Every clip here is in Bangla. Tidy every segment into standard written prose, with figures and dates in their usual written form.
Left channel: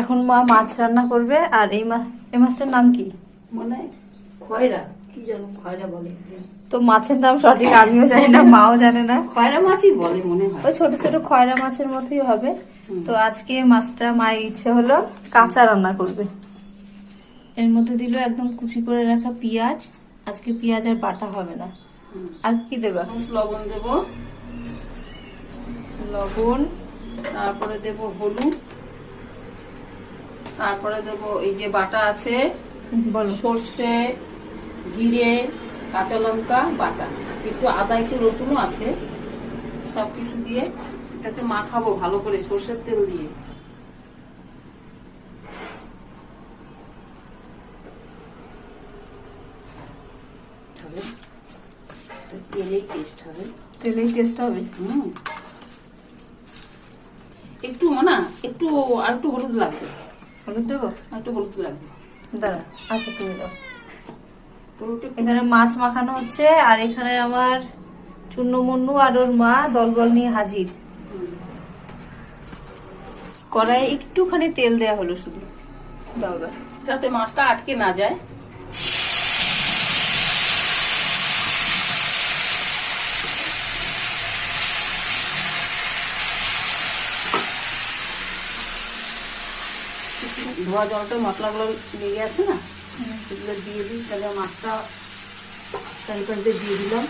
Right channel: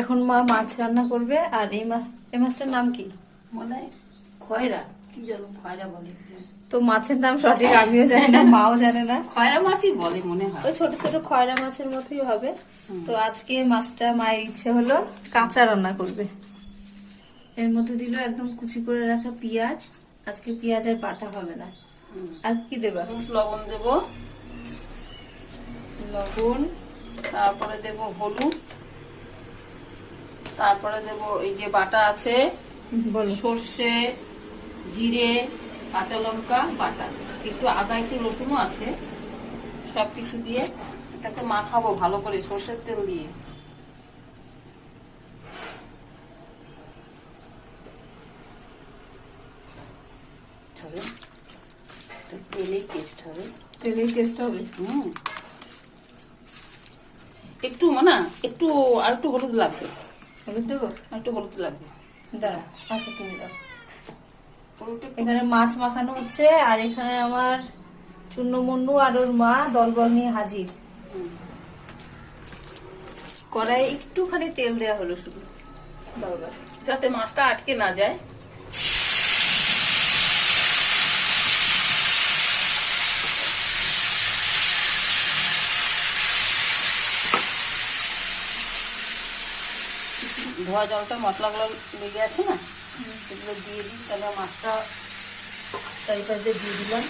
এখন মা মাছ রান্না করবে। আর এই মাছটার নাম কি? মানে খয়রা, কি যেন খয়রা বলে। তো মাছের নাম সঠিক আমিও জানি না, মাও জানে না। খয়রা মাছই বলে মনে হয়। ওই ছোট ছোট খয়রা মাছের মতোই হবে। তো আজকে মাছটা মায়ের ইচ্ছে হলো কাঁচা রান্না করবে। এর মধ্যে দিল একদম কুচি করে রাখা পেঁয়াজ। আজকে পেঁয়াজ আর বাটা হবে না। আর কি দেবা? লবণ দেব, লবণ, তারপরে দেব হলুদ, তারপরে দেব এই যে বাটা আছে বলো। সর্ষে, জিরে, কাঁচা লঙ্কা বাটা, একটু আদা, একটু রসুনও আছে। সবকিছু দিয়ে এটাকে মাখাবো ভালো করে সর্ষের তেল দিয়ে। তেলেই টেস্ট হবে। তেলেই টেস্ট হবে। একটু একটু আর একটু হলুদ লাগবে। হলুদ দেবো? একটু হলুদ লাগবে। দাঁড়া, আচ্ছা তুমি দাও। এখানে মাছ মাখানো হচ্ছে আর এখানে আমার চুন্নমুন্নু আর ওর মা দলবল নিয়ে হাজির। কড়াইয়ে একটুখানি তেল দেয়া হলো শুধু, দাও দাও, যাতে মাছটা আটকে না যায়। ধোয়া জলটা মশলাগুলো লেগে আছে না, সেগুলো দিয়ে দিই। তাহলে মাছটা দিয়ে দিলাম।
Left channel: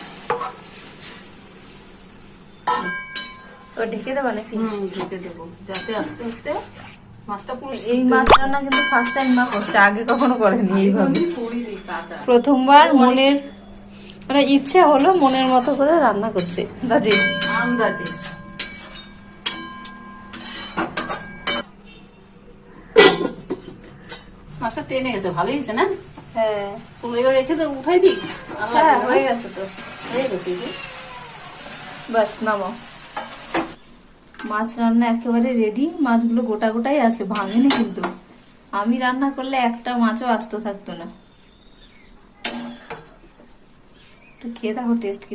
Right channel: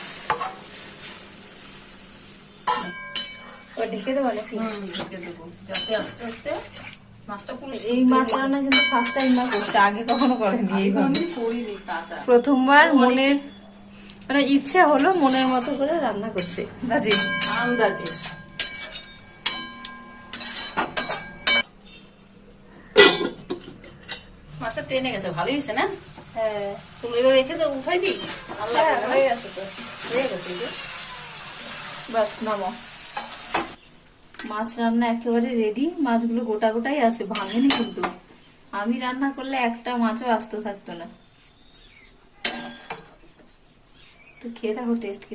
ঢেকে দেবো নাকি? ঢেকে দেবো যাতে আস্তে আস্তে মাছটা পুরো। এই মাছ রান্না কিন্তু ফার্স্ট টাইম মা করছে, আগে কখনো করেনি এইভাবে। করিনি কাঁচা, প্রথমবার মনের মানে ইচ্ছে হলো মনের মতো করে রান্না করছে বাজি আন্দাজে। মাছটা টেনে গেছে, ভালো হয়েছে না? হ্যাঁ, তুমি এবার রেখে তো উঠাই দিই। হ্যাঁ হয়ে গেছে তো, হয়ে গেছে। বাস নামাও। মাছ রান্না একেবারে রেডি। মাছগুলো গোটা গোটাই আছে, ভাঙেনি কিন্তু। আমি রান্না করলে একটা মাছও আস্ত থাকতো না। তো খেয়ে দেখো টেস্ট কি।